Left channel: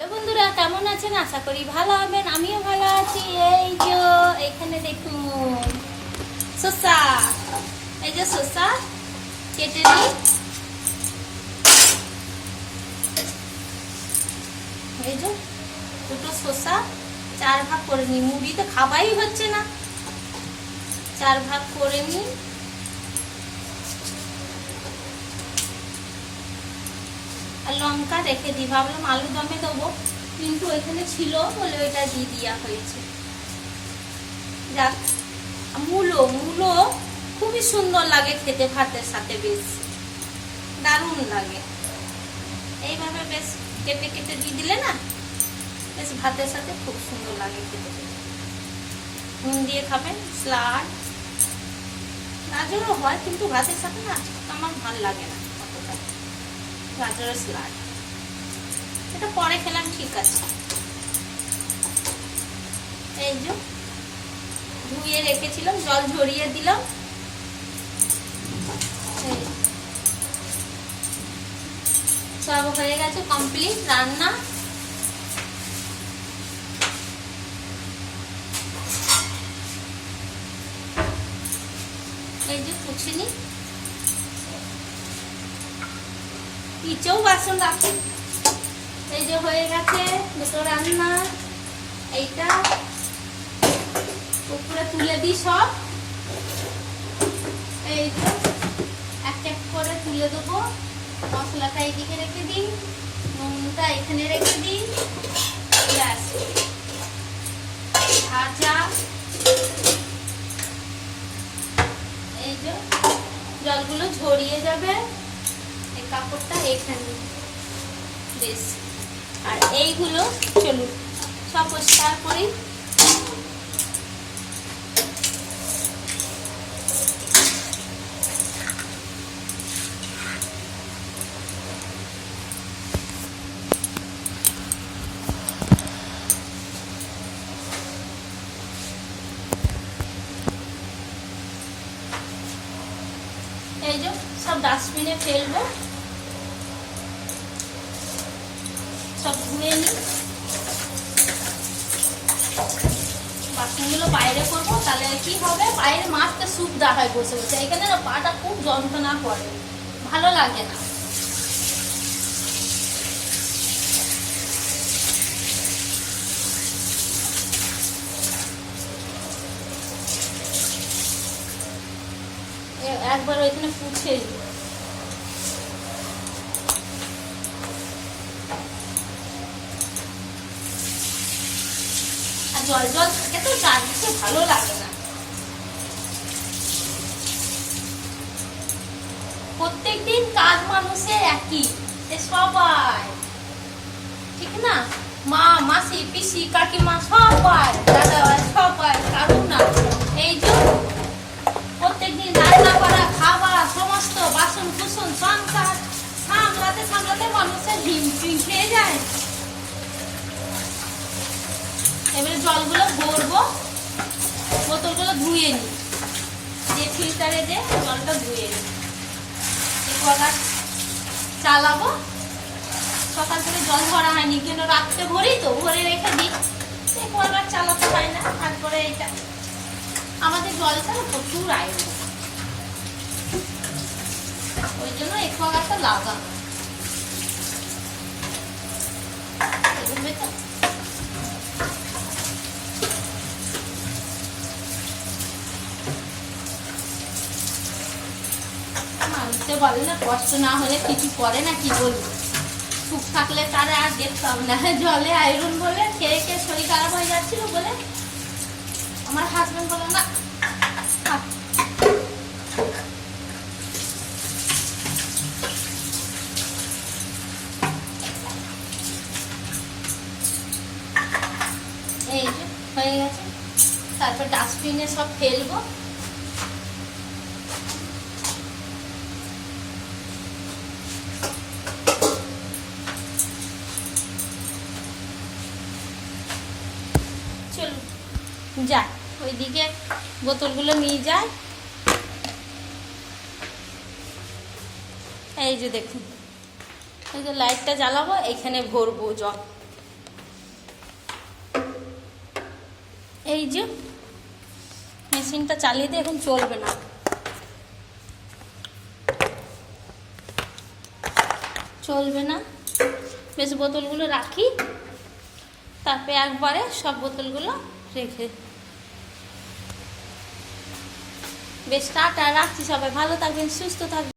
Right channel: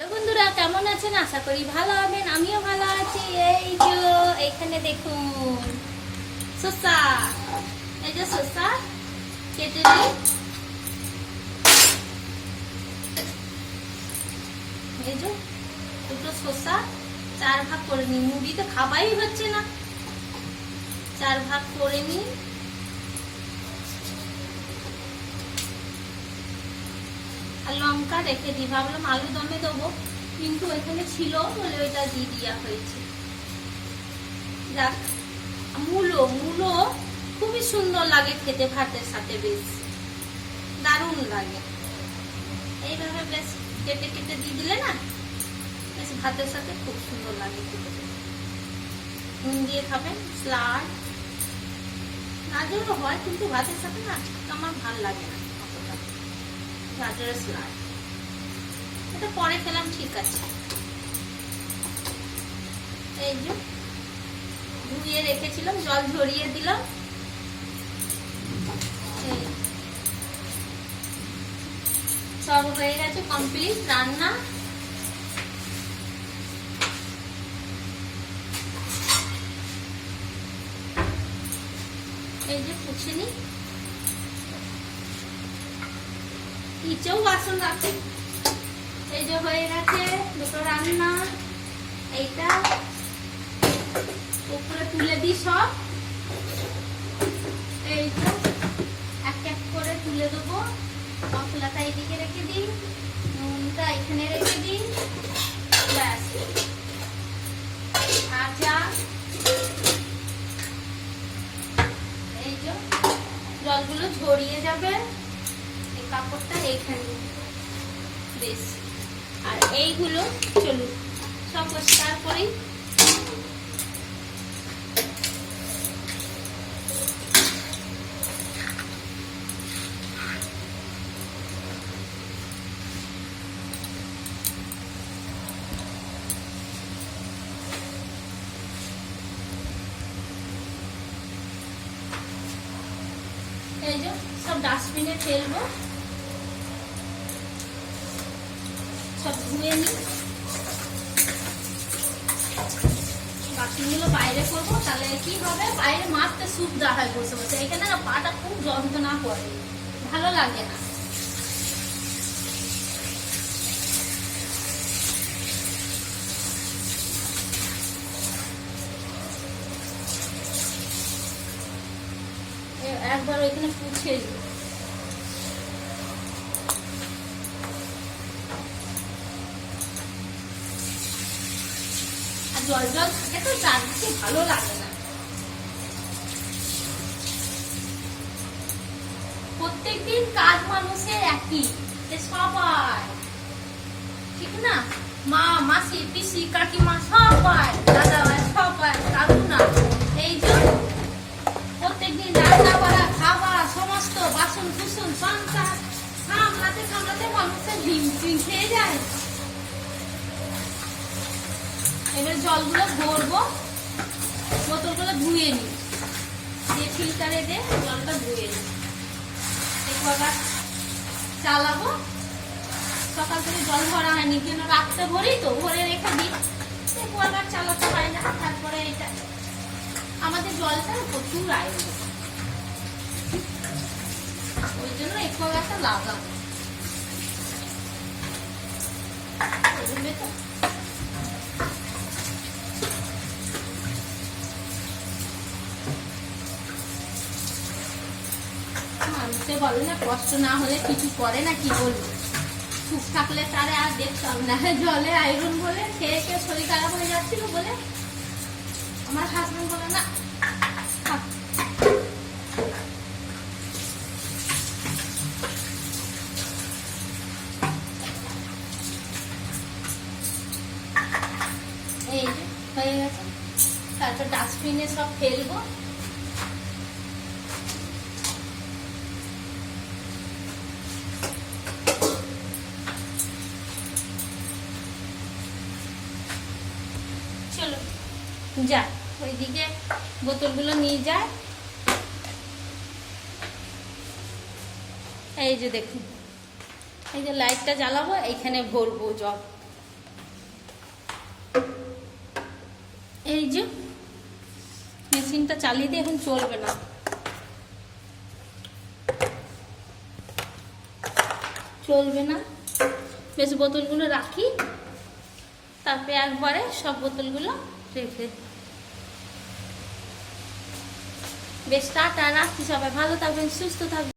তো বন্ধুরা কেমন আছেন? আশা করি ভালো হবেন। আমিও ভালো আছি। এই যে এইখানে দেখুন শসা, এই যে শসা কেটে নিই। এই যে দুটো শসা 4 ভাগ করে নিই। মুড়ি তো খাওয়াই হচ্ছে না, 4 ভাগ করে নিই। আর লঙ্কা রেখে দিই, ভাবলাম আলু দমে দেবো, কিন্তু এখানে ছিল বলে ওইটা দিয়ে দেওয়া হয়েছে। যাক, মূলো মূলো খুবই সুন্দর লাগে খেতে, ভাতের সাথে বেশ দারুণ লাগে। এইভাবে বেশ কেটে কেটে দিয়ে দিলে না, বেশ ভাতের সাথে খুব সুন্দর লাগে খেতে। নুন দিয়ে খাবেন, স্যালাড গাজরও হয়, কিন্তু ভাতের সাথে না আমার ভালো লাগে না অতটা গাজরের স্যালাড। এটা পরে খেলাম, ঠিক আছে। এই যে ধুয়ে রেখেছিলাম, জল ঝরিয়ে দিলাম। সব হয়ে গেছে, কমপ্লিট রান্না। এই যে পুছে নি, নিচেও বাসন রাখি। এই যে হয়ে গেছে দুটো রান্না। এইটা উপরে তুলে দিই সব, এই তো এক এক করে তুলে দেবো। মশলাটা এইদিকে রেখে দিই, নুনটা এখানে রেখে দিই, ব্যাস ভাজা। এই যে জলগুলো ঝরিয়ে যাবে, এই কাপড়টা এখানে বেশ। আর এইগুলো চলুন সব পরিষ্কার করি। এই যে সব ডাস্টবিনে ফেলবো, সব ধুয়ে নিই। বাসনগুলো বাইরে করবো, তাহলে কি হবে, বাইরে মাছতে সুবিধা হয় বসে বসে। এখানে না পাটা খুব যন্ত্রণা করে, ভালো লাগে না। একবার ওইখানে পুছে নিই। আর জল জল থাকে তো চারদিকে ভালো লাগে না। প্রত্যেকদিন কাজ মানুষের একই, সবাই ঠিক না, মা মাসি পিসি কাকিমা সবাই, দাদা ভাই সবাই, কারু না। এই যে প্রত্যেকদিন রান্না করা, খাওয়া, সমস্ত বাসন কুসন সংসার সামলাতে সামলাতে মানুষের হিমশিম খেয়ে যায়। এবার জলগুলো ভরবো, বোতলগুলো ধুয়ে নিই, যে ফিল্টারে দিয়ে জলটা ধুয়ে নিই। একবার চালাবো, সকাল থেকে জল ভরা হয়নি, কেন রাত্রে ভরি তো, ভরে রেখে দিই, একবার চালাতে হয় না। তারপরে এটা আমাদের জলটা প্রচুর আয়রন, ওই জন্য একটু লাগানো। মানুষে বলে না, কষ্ট না হলে কিছু করে না, কি বলবো, সুখ থাকলে তারা আর দেখতাম না। জলে আয়রন বলে খেয়ে খেয়ে শরীর খারাপ হয়ে যাচ্ছিল বলে আমার হাজবেন্ড বলে না। এই যে হয়ে গেছে, তারপর ডাস্টবিনে সব ফেলবো। চলো যাই, ওইদিকে বোতলগুলো নিয়ে যায়। এই যে দেখুন, এই যে লাইটটা জ্বালাবো, এইখানে ভরবো জল। এই যে মেশিনটা চালিয়ে দিয়ে এখন চলবে না, বেশ বোতলগুলো রাখি, তারপরে একবারে সব বোতলগুলো রেখে বেশ টাটা রাখছি। সবাই ভালো থাকবেন, সুস্থ থাকবেন।